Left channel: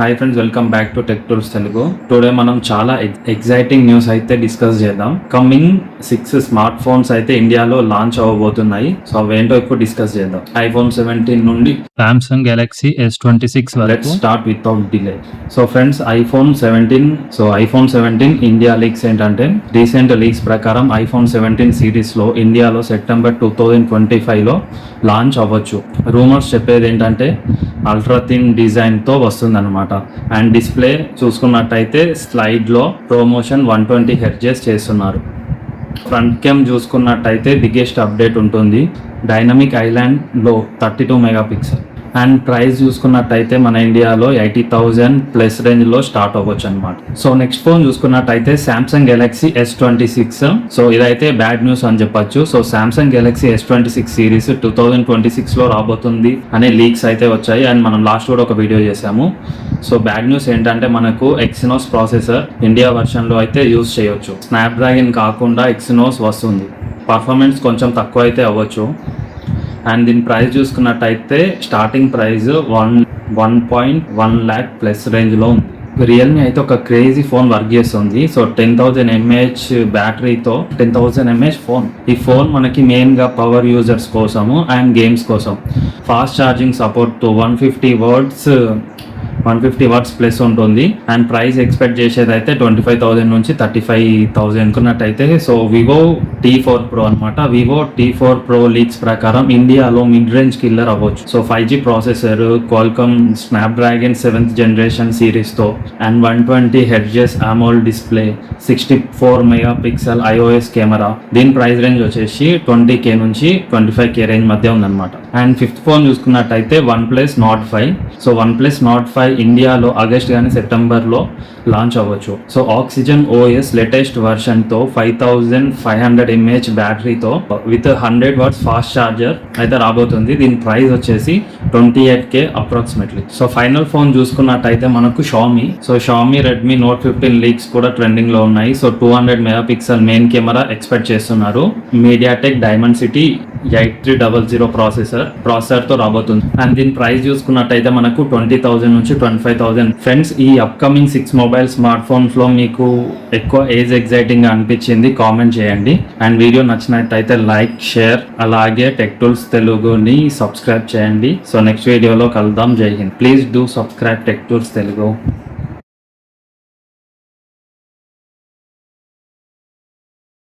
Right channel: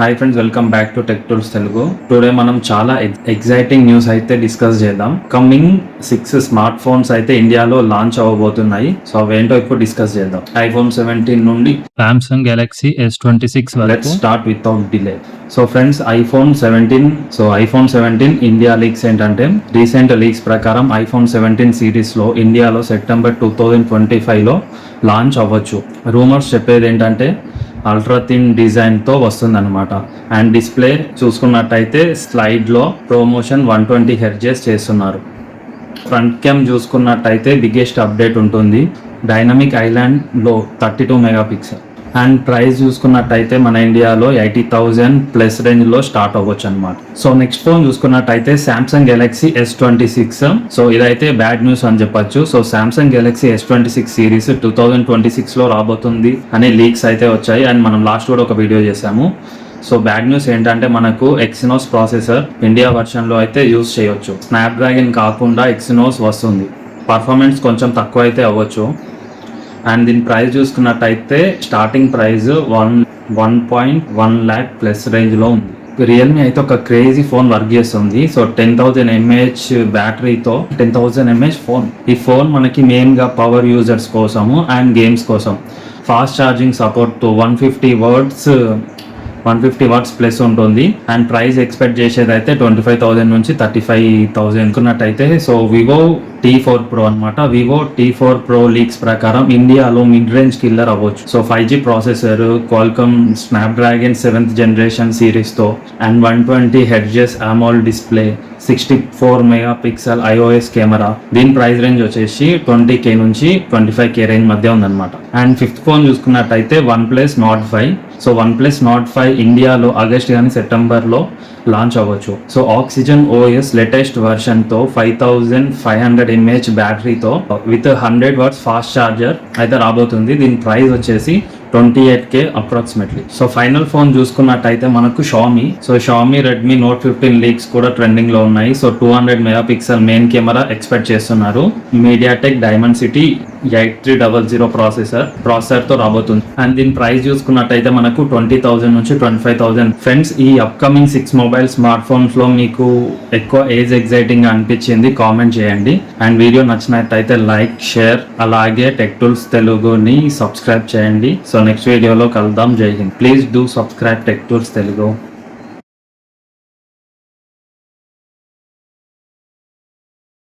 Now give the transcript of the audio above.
Hi friends, welcome back to tech tools Telugu. Today మనం చాలా exciting news అయితే discuss చేద్దాం. కమింగ్ 6 స్మార్ట్ ఫోన్స్ అయితే ఇండియాలో లాంచ్ అవ్వబోతున్నాయి. సో అవేంటో ఇప్పుడు డిస్కస్ చేద్దాం. ఐఫోన్ 17 నుండి Samsung Galaxy S26 let's start without delay. So friends, iPhone 17 India leaks ఏంటంటే, రీసెంట్ లీక్స్ ప్రకారం ఐఫోన్ 17 సిరీస్ లో ఇండియాలో సెప్టెంబర్ 2025 లో లాంచ్ అవ్వచ్చు. రూమర్స్ చెప్పేది ఏంటంటే అల్ట్రా థిన్ డిజైన్ తో వస్తుంది అనమాట. అండ్ డిస్ప్లే చూసుకున్నట్టయితే స్లైడ్ లో ప్రమోషన్ 120 హెర్ట్జ్ చేస్తున్నారు. ఫ్రంట్ కెమ్ చూసుకున్నట్టయితే బిగ్గెస్ట్ అప్డేట్ ఉంటుంది. డైనమిక్ ఐలాండ్ లో 32 మెగాపిక్సెల్. అండ్ ప్రైస్ చూసుకున్నట్టయితే మన ఇండియాలో 80,000 ప్లస్ రేంజ్ లో స్టార్ట్ అవ్వచ్చు అనమాట. సో నెక్స్ట్ ఫోన్ చూసుకున్నట్టయితే సామ్సంగ్ గెలాక్సీ S26. సో ఇదైతే బ్యాడ్ న్యూస్ అని చెప్పొచ్చు. So Samsung Galaxy S26 series 2026 లో రాబోతుంది అనే లీక్స్ అయితే వచ్చాయి. అండ్ మనం లాస్ట్ కూడా ఒక వీడియో చేసాము. సో బ్యాడ్ న్యూస్ ఏంటంటే మనకు ఎక్సినోస్ ప్రాసెసర్ ఇండియా వర్షన్ లో అయితే యూజ్ చేయొచ్చు. స్నాప్డ్రాగన్ కాకుండా ఎక్సినోస్ వస్తుంది. పర్ఫార్మెన్స్ కొంచెం తక్కువ అయితే అవ్వచ్చు. అండ్ దీని ప్రైస్ చూసుకున్నట్టయితే స్టార్టింగ్ ప్రైస్ 1.1 lakh ప్లస్ రేంజ్లో ఉంది. రియల్మీ అయితే ఒక క్రేజీ ఫోన్ వర్క్ చేస్తుంది. సో 10,000 mAh బ్యాటరీతో 10,000 mAh ఫోన్. ఈ ఫోన్ మనకి మెయిన్గా పవర్ యూజర్స్ కోసము అండ్ గేమ్స్ కోసం. Fast charging support to 150 watts plus ఉంటుంది. అండ్ ప్రైస్ ఎక్స్పెక్ట్ చేసేది అయితే 25,000 నుంచి 35,000 అనుకున్నట్టయితే. సో వివో T4 Pro అనమాట. వివో T4 Pro లీక్స్ ప్రకారం ఇండియాలో మిడ్ రేంజ్ కిల్లర్ అవ్వచ్చు. So 5G processor, Qualcomm Snapdragon 7th generation series తో and 120 hertz AMOLED display, 64 megapixel iOS camera. దీని ప్రైస్ రేంజ్ వచ్చేసి 20K నుంచి 25K రేంజ్ మధ్య ఉందన్నమాట. అండ్ ఫిఫ్త్ ఫోన్ చూసుకున్నట్టయితే OnePlus Nord 5. So OnePlus Nord 5 ఇండియాలో August కానీ సెప్టెంబర్ లో లాంచ్ అవ్వచ్చు. So oxygen OS latest version తో 5,500 mAh బ్యాటరీతో విత్ 100 వాట్స్ ఫాస్ట్ ఛార్జర్ అయితే రాబోతుంది. దీని ప్రైస్ వచ్చేసి 28K approximately. So final phone చూసుకున్నట్టయితే మనకు Xiaomi. So Xiaomi Redmi Note 15 leaks కూడా ట్రెండింగ్ లో ఉన్నాయి. So 200 megapixel main camera expect చేస్తున్నారు. మీడియాటెక్ డైమెన్సిటీ 8300 ప్రాసెసర్ తో రాబోతుంది. అండ్ దీని ప్రైస్ చూసుకున్నట్టయితే మనకు 20,000 నుంచి 25,000. ఫ్రెండ్స్, ఈ అప్కమింగ్ 6 మొబైల్ స్మార్ట్ ఫోన్స్ లో మీకు ఎక్కువ ఏజ్ ఎగ్జైటింగ్ గా అనిపించింది కామెంట్ చేయండి. అండ్ వీడియో నచ్చినట్టయితే లైక్, షేర్, అలాగే టెక్ టూల్స్ తెలుగుని సబ్స్క్రైబ్ చేయండి. సో నెక్స్ట్ వీడియోలో కలుద్దాం. జై Hind. Please do subscribe tech tools Telugu.